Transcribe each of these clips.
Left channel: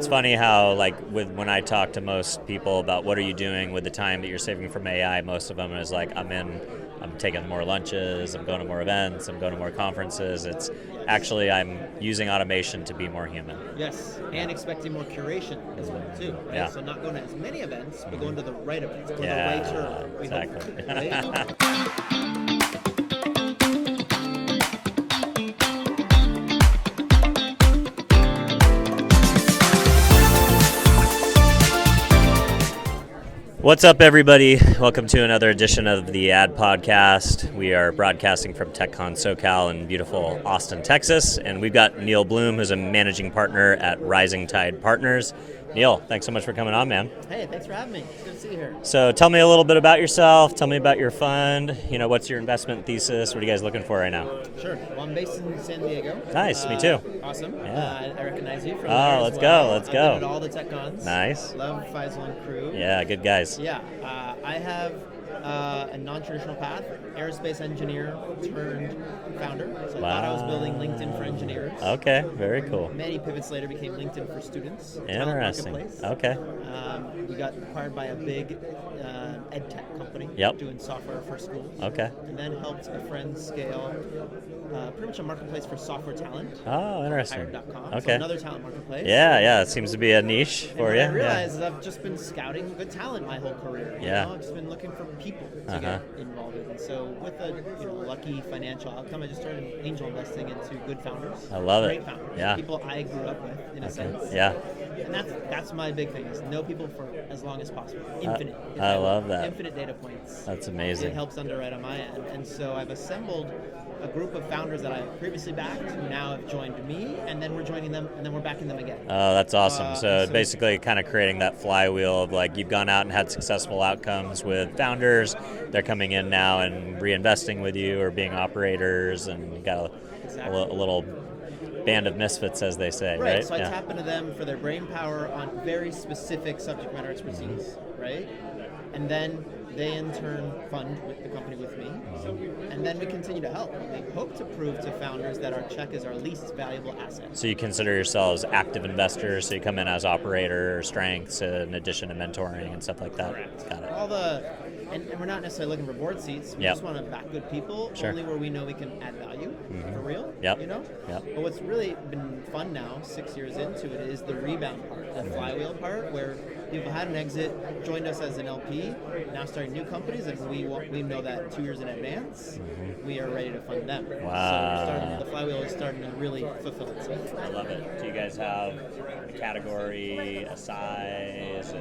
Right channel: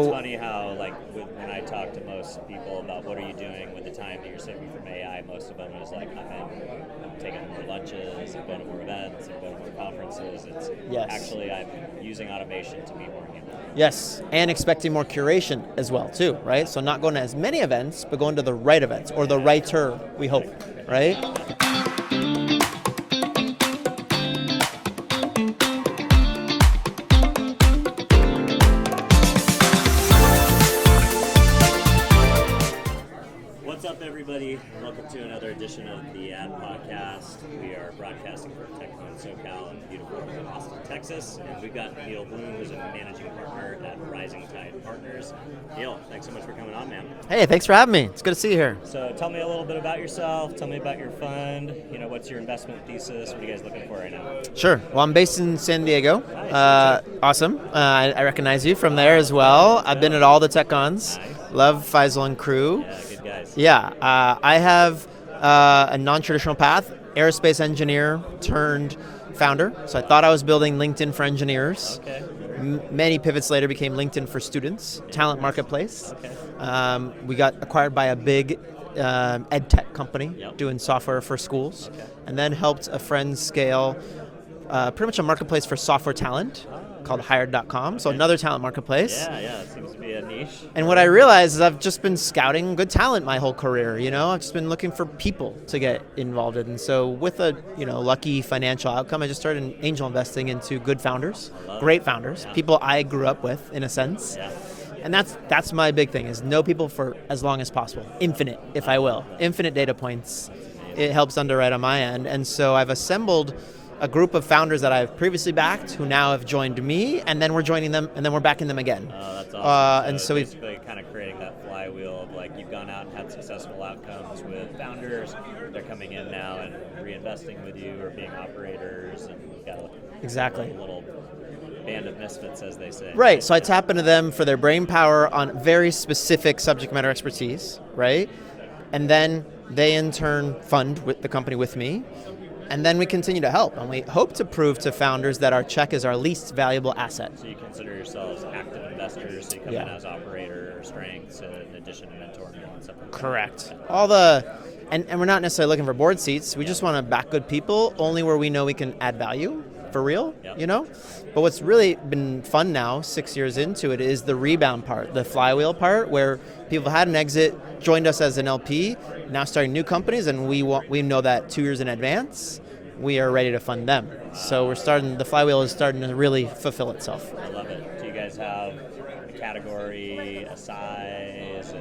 It's funny how, like, when I talk to most people about what are you doing with the time that you're saving from AI, most of them is like, I'm taking more lunches, I'm going to more events, I'm going to more conferences. It's actually, I'm using automation to be more human. Yes, and expecting more curation as well too, right? Yeah. So not going to as many events, but going to the right events, or the righter, we hope, right? What's up, everybody? Welcome to another edition of the Ad Podcast. We are broadcasting from TechCon SoCal in beautiful Austin, Texas, and we've got Neal Bloom, who's a managing partner at Rising Tide Partners. Neal, thanks so much for coming on, man. Hey, thanks for having me. It's good to see you here. So tell me a little bit about yourself. Tell me about your fund. What's your investment thesis? What are you guys looking for right now? Sure. Well, I'm based in San Diego. Nice, me too. Awesome. Yeah. I recognize you from there as well. I've been at all the TechCons. Nice. Love Faisal and crew. Yeah, good guys. Yeah. I have a non-traditional path, aerospace engineer turned founder. So I thought I was building LinkedIn for engineers. Okay, very cool. Many pivots later became LinkedIn for students, talent marketplace. Okay. We got acquired by a big ed tech company doing software for schools. Okay. And then helped a friend scale pretty much a marketplace for software talent called hired.com. So another talent marketplace. Yeah, it seems to be a niche. And what I realized is I've just been scouting good talent my whole career, you know? I've just been looking for people to get involved in. And so with a, lucky financial outcome, I just started angel investing into good founders. I love great it. founders, people I grew up with in a sense. Yeah. And that's my big thing, is know people for as long as possible. Infinite, if I will. Infinite data points. That's amazing. It helps underwrite on my end. And so I've assembled a group of founders that I've previously backed who now have joined me, and then we're joining them, and then we're backing them again. Oh, that's awesome. So basically kind of creating that flywheel of, like, you've gone out and had successful outcomes with founders. They're coming in now and reinvesting with you or being operators, and you've got a little band of misfits, as they say. Right. So I tap into them for their brain power on very specific subject matter expertise, right? And then they in turn fund with the company with me. And then we continue to help, and we hope to prove to founders that our check is our least valuable asset. So you consider yourselves active investors, so you come in as operator, strengths, in addition to mentoring and stuff like that? Correct. All the, and we're not necessarily looking for board seats, we just want to back good people, only where we know we can add value, for real, But what's really been fun now, 6 years into it, is the rebound part, the flywheel part, where people had an exit, joined us as an LP, now starting new companies, and we know that 2 years in advance, we are ready to fund them. Wow. So the flywheel is starting to really fulfill itself. I love it. Do you guys have a category, a size,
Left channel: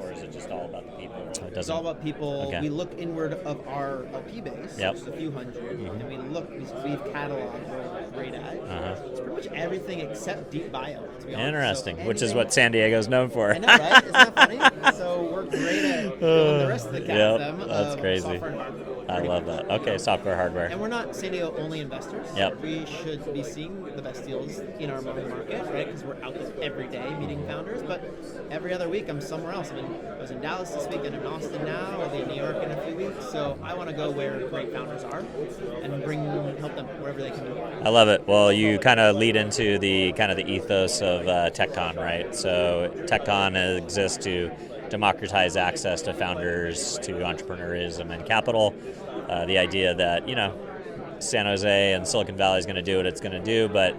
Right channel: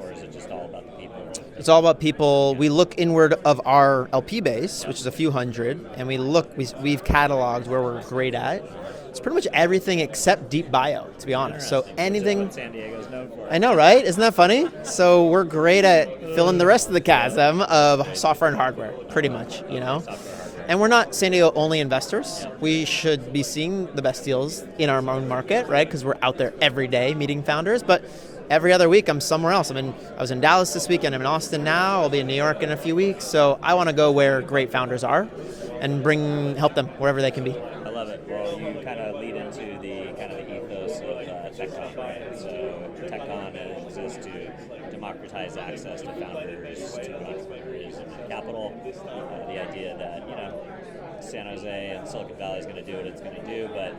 or is it just all about the people? It's all about people. Okay. We look inward of our LP base, which is a few hundred, and we've cataloged where we're great at. It's pretty much everything except deep bio, to be honest. Interesting, so anything, which is what San Diego's known for. I know, right? Isn't that funny? So we're great at filling the rest of the chasm of software and hardware, pretty much. Okay, software, hardware. And we're not San Diego only investors. Yep. We should be seeing the best deals in our own market, right? Because we're out there every day meeting founders, but every other week I'm somewhere else. I was in Dallas this weekend, I'm in Austin now, I'll be in New York in a few weeks. So I want to go where great founders are and help them wherever they can be. I love it. Well, you kind of lead into the ethos of TechCon, right? So TechCon exists to democratize access to founders, to entrepreneurism and capital. The idea that, San Jose and Silicon Valley is going to do what it's going to do, but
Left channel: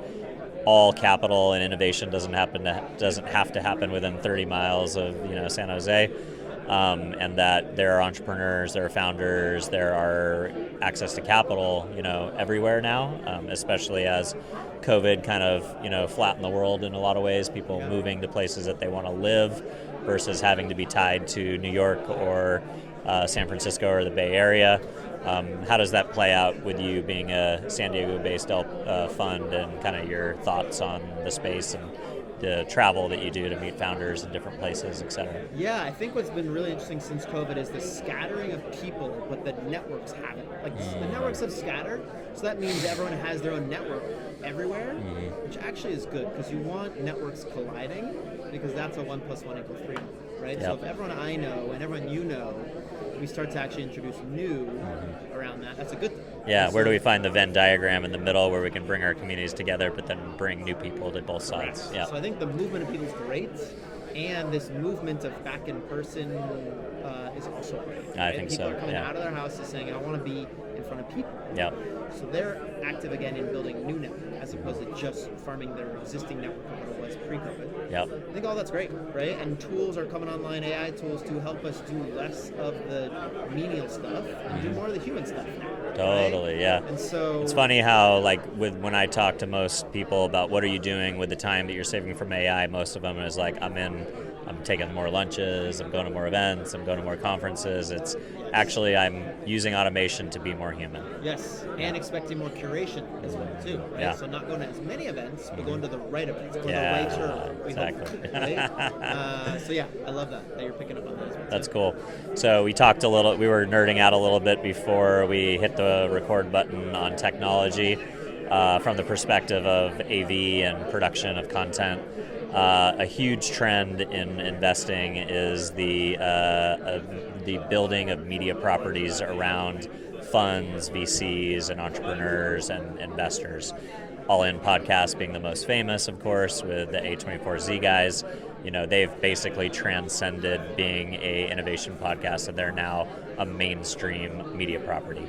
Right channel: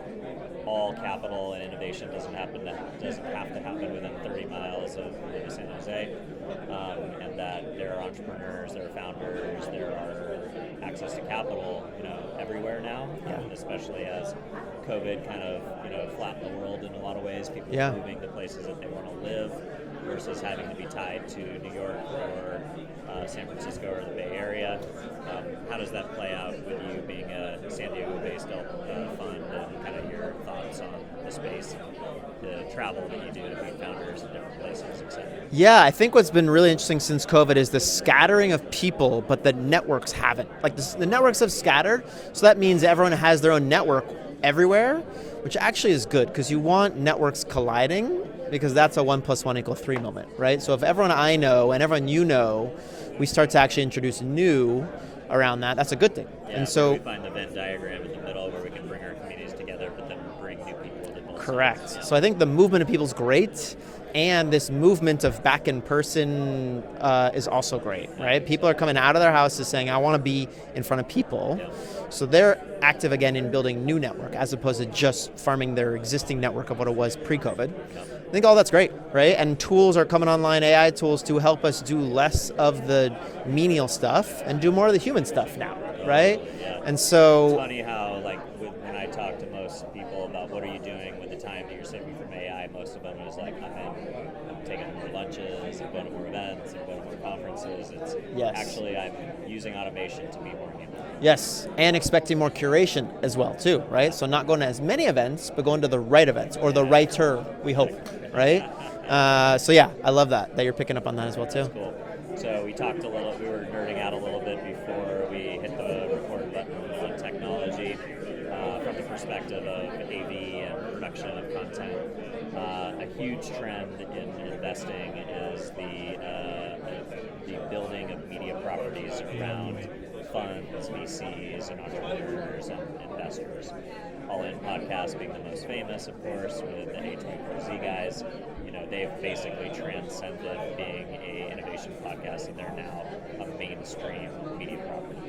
all capital and innovation doesn't have to happen within 30 miles of San Jose, and that there are entrepreneurs, there are founders, there are access to capital everywhere now, especially as COVID kind of flattened the world in a lot of ways. People moving to places that they want to live versus having to be tied to New York or San Francisco or the Bay Area. How does that play out with you being a San Diego-based fund, and kind of your thoughts on the space and the travel that you do to meet founders in different places, et cetera? Yeah, I think what's been really interesting since COVID is the scattering of people, but the networks haven't. Like the networks have scattered, so that means everyone has their own network everywhere, which actually is good because you want networks colliding, because that's a 1 + 1 = 3 moment, right? Yeah. So if everyone I know and everyone you know, we start to actually introduce new, around that, that's a good thing. Yeah, and where do we find the Venn diagram in the middle where we can bring our communities together, but then bring new people to both correct. sides? Yeah. So I think the movement of people is great, and this movement of back in person is also great, right? People are coming out of their houses saying, I want to be in front of people. Yeah. So they're active again in building new network as opposed to just farming their existing network of what it was pre-COVID. Yep. I think all that's great, right? And tools are coming online, AI tools, to help us do less of the menial stuff and do more of the human stuff now, right? Totally, yeah. And so it's funny how, like, when I talk to most people about what are you doing with the time that you're saving from AI, most of them is like, I'm taking more lunches, I'm going to more events, I'm going to more conferences. It's actually, I'm using automation to be more human. Yes, and expecting more curation as well too, right? Yeah. So not going to as many events, but going to the right events, or the righter, we hope, right? So yeah, I love that you're picking up on that as well too. That's cool. So we talked we were nerding out a little bit before we hit the record button on technology from the perspective of AV and production of content. A huge trend in investing is the building of media properties around funds, VCs, and entrepreneurs and investors. All In Podcast being the most famous, of course, with the A24Z guys. You know, they've basically transcended being a innovation podcast, and they're now a mainstream media property.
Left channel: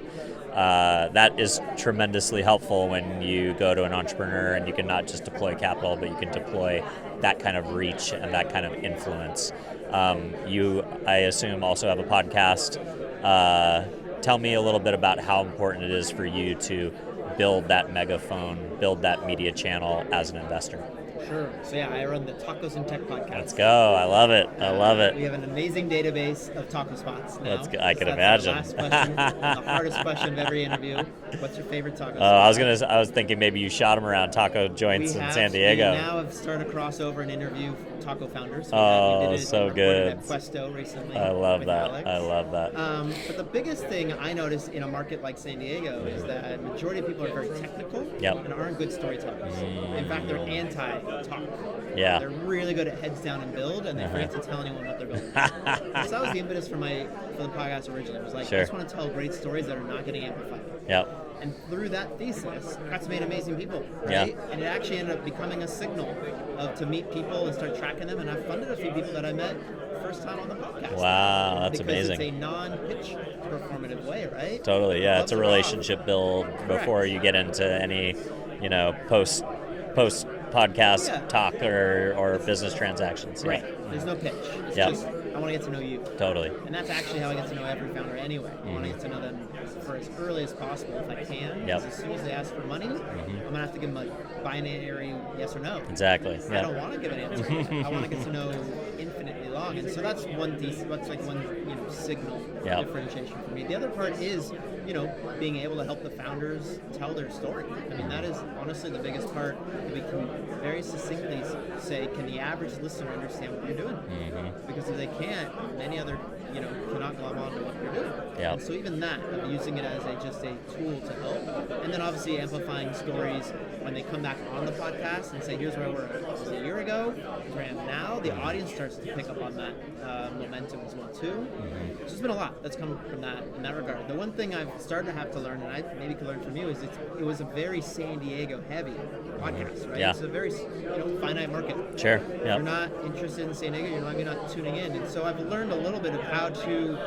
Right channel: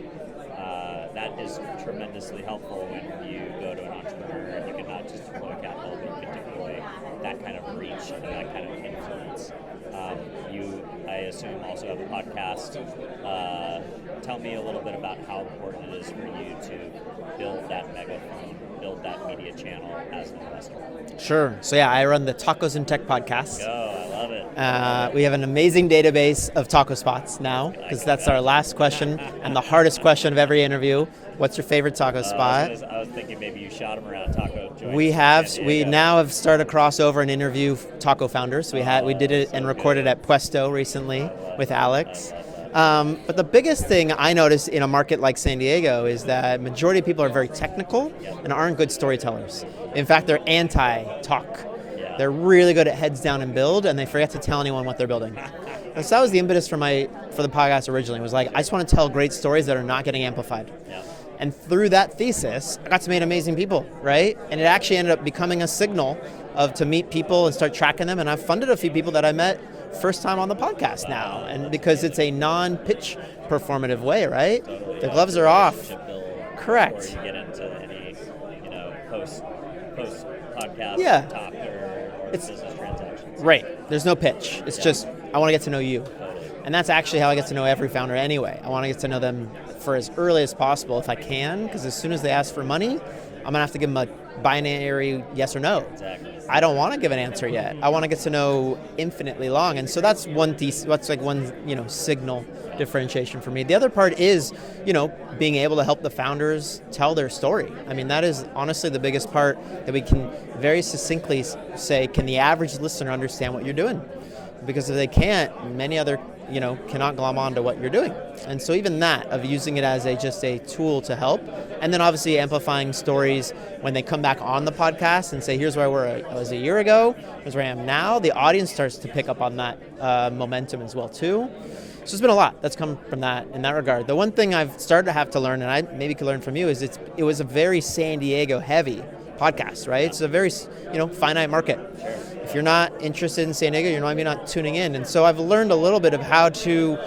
That is tremendously helpful when you go to an entrepreneur and you can not just deploy capital, but you can deploy that kind of reach and that kind of influence. You, I assume, also have a podcast. Tell me a little bit about how important it is for you to build that megaphone, build that media channel as an investor. Sure. So yeah, I run the Tacos and Tech podcast. Let's go. I love it. I love it. We have an amazing database of taco spots now. That's our last question and the hardest question of every interview. What's your favorite taco spot? I was thinking maybe you shot them around taco joints in San Diego. We now have started a crossover and interview taco founders. We did it and recorded at Puesto recently with Alex. I love that. But the biggest thing I notice in a market like San Diego is that majority of people are very technical and aren't good storytellers. In fact, they're anti-talk. Yeah. They're really good at heads down and build, and they forget to tell anyone what they're building. So that was the impetus for the podcast originally. It was like, I just want to tell great stories that are not getting amplified. Yep. And through that thesis, I got to meet amazing people, right? Yep. And it actually ended up becoming a signal to meet people and start tracking them. And I've funded a few people that I met first time on the podcast now. And because amazing. It's a non-pitch performative way, right? Totally, the gloves are off. Relationship build Correct. Before you get into any, post podcast talk or business transactions. Right. There's no pitch. It's just, I want to get to know you. Totally. And that's actually how I get to know every founder anyway. I want to get to know them for as early as possible if I can, because as soon as they ask for money, I'm going to have to give them a binary yes or no. Exactly. I don't want to give an answer yet. I want to get to know infinitely long. And so that's one signal differentiation for me. The other part is, being able to help the founders tell their story. I mean, that is honestly the biggest part that we can very succinctly say, can the average listener understand what you're doing? Because if they can't, many other cannot glom onto what you're doing. Yep. And so even that, of using it as just a tool to help, and then obviously amplifying stories when they come back on the podcast and say, here's where I was a year ago, here's where I am now, the audience starts to pick up on that momentum as well too. So there's been a lot that's come from that in that regard. The one thing I've started to have to learn, and I maybe could learn from you, is it was a very San Diego heavy podcast, right? It's a very finite market. Sure. If you're not interested in San Diego, you're maybe not tuning in. And so I've learned a little bit of how to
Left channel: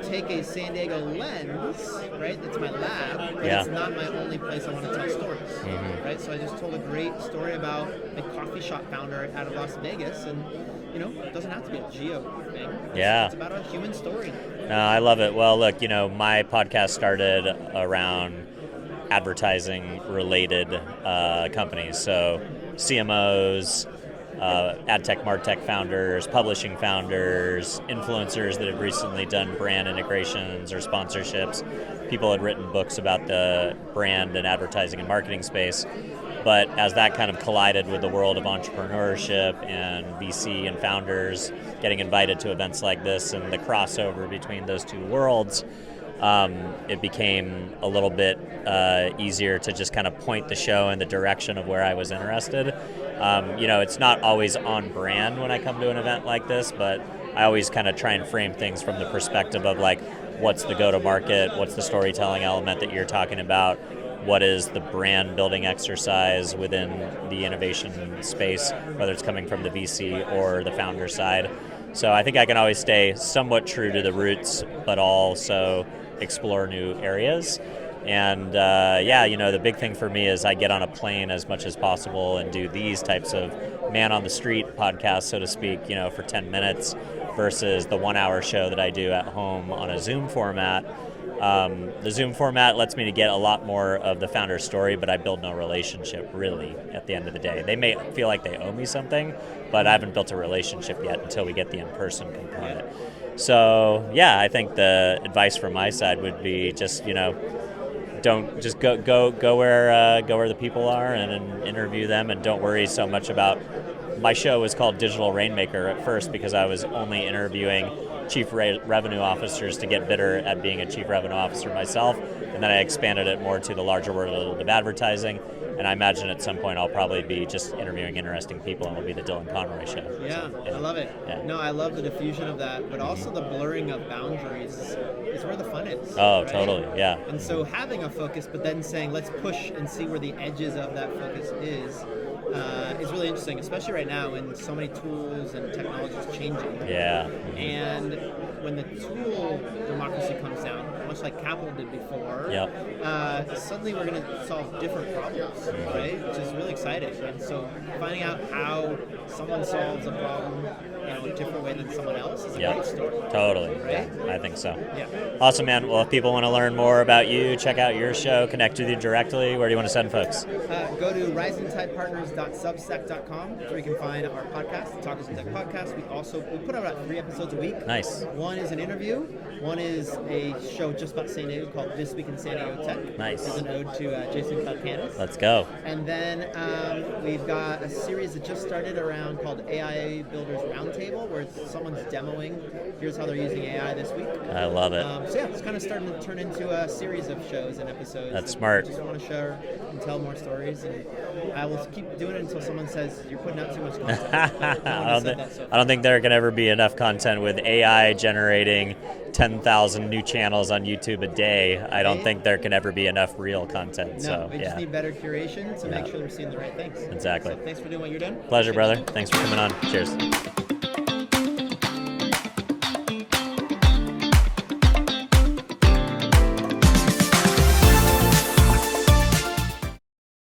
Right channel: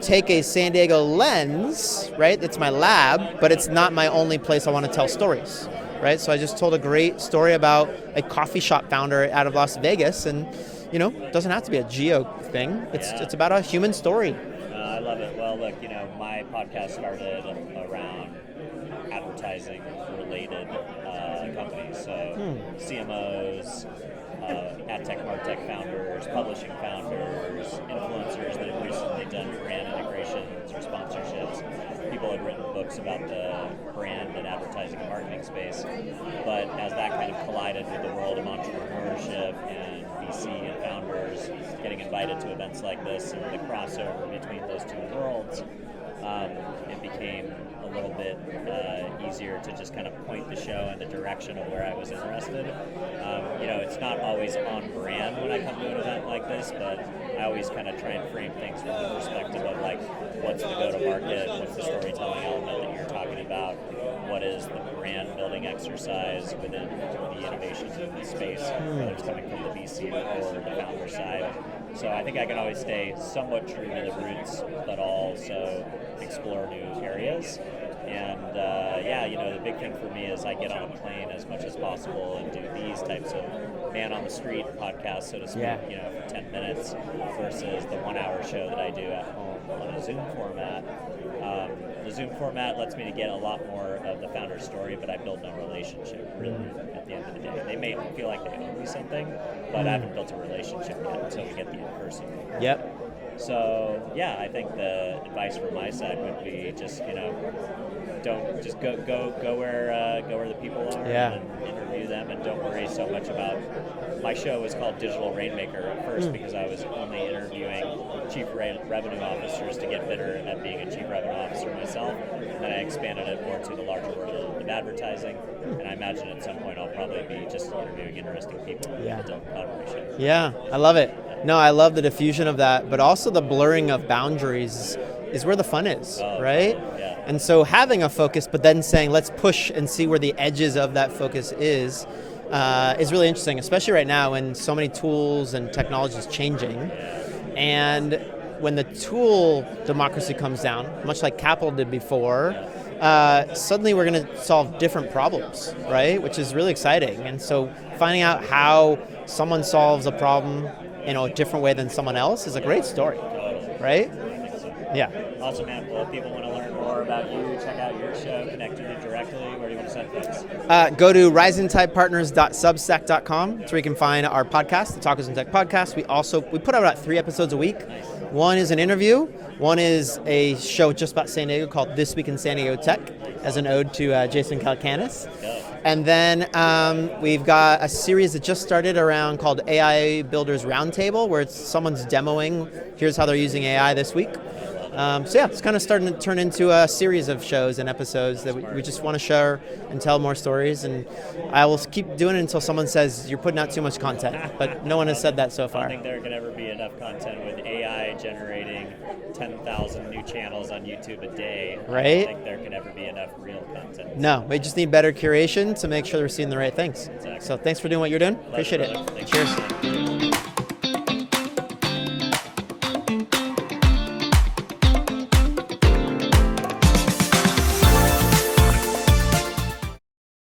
take a San Diego lens, right? It's my lab, but it's not my only place I want to tell stories, right? So I just told a great story about a coffee shop founder out of Las Vegas, and it doesn't have to be a geo thing. It's about a human story. No, I love it. Well, look, my podcast started around advertising related companies. So CMOs, ad tech, martech founders, publishing founders, influencers that have recently done brand integrations or sponsorships. People had written books about the brand and advertising and marketing space. But as that kind of collided with the world of entrepreneurship and VC and founders getting invited to events like this and the crossover between those two worlds, it became a little bit easier to just kind of point the show in the direction of where I was interested. It's not always on brand when I come to an event like this, but I always kind of try and frame things from the perspective of like, what's the go-to-market, what's the storytelling element that you're talking about, what is the brand building exercise within the innovation space, whether it's coming from the VC or the founder side. So I think I can always stay somewhat true to the roots, but also explore new areas. And the big thing for me is I get on a plane as much as possible and do these types of man on the street podcasts, so to speak, for 10 minutes versus the 1 hour show that I do at home on a Zoom format. The Zoom format lets me to get a lot more of the founder's story, but I build no relationship really at the end of the day. They may feel like they owe me something, but I haven't built a relationship yet until we get the in-person component. Yep. So I think the advice from my side would be just, don't just go where the people are and interview them, and don't worry so much about. My show was called Digital Rainmaker at first because I was only interviewing chief revenue officers to get better at being a chief revenue officer myself, and then I expanded it more to the larger world of advertising, and I imagine at some point I'll probably be just interviewing interesting people, and it'll be the Dylan Conroy show. Yeah, I love it. Yeah. No, I love the diffusion of that, but also the blurring of boundaries is where the fun is, right? Totally, yeah. And so having a focus, but then saying, let's push and see where the edges of that focus is really interesting, especially right now when so many tools and technology is changing. Yeah. And when the tool democracy comes down, much like capital did before, suddenly we're going to solve different problems, right? Which is really exciting. And so finding out how someone solves a problem in a different way than someone else is a great story. Totally. Right? I think so. Yeah. Awesome, man. Well, if people want to learn more about you, check out your show, connect with you directly, where do you want to send folks? Go to risingtidepartners.substack.com. That's where you can find our podcast, the Talkers in Tech podcast. We put out about 3 episodes a week. Nice. One is an interview. One is a show just about San Diego called This Week in San Diego Tech, nice, as an ode to Jason Calacanis. Let's go. And then we've got a series that just started around called AI Builders Roundtable, where someone's demoing, here's how they're using AI this week. I love it. It's kind of starting to turn into a series of shows and episodes that we just want to share and tell more stories. And I will keep doing it until someone says, you're putting out too much content. But no one has said that so far. I don't think there can ever be enough content with AI generating 10,000 new channels on YouTube a day. Right? I don't think there can ever be enough real content. No, we just need better curation to make sure we're seeing the right things. Exactly. So thanks for doing what you're doing. Pleasure, brother. Thanks for coming on. Cheers.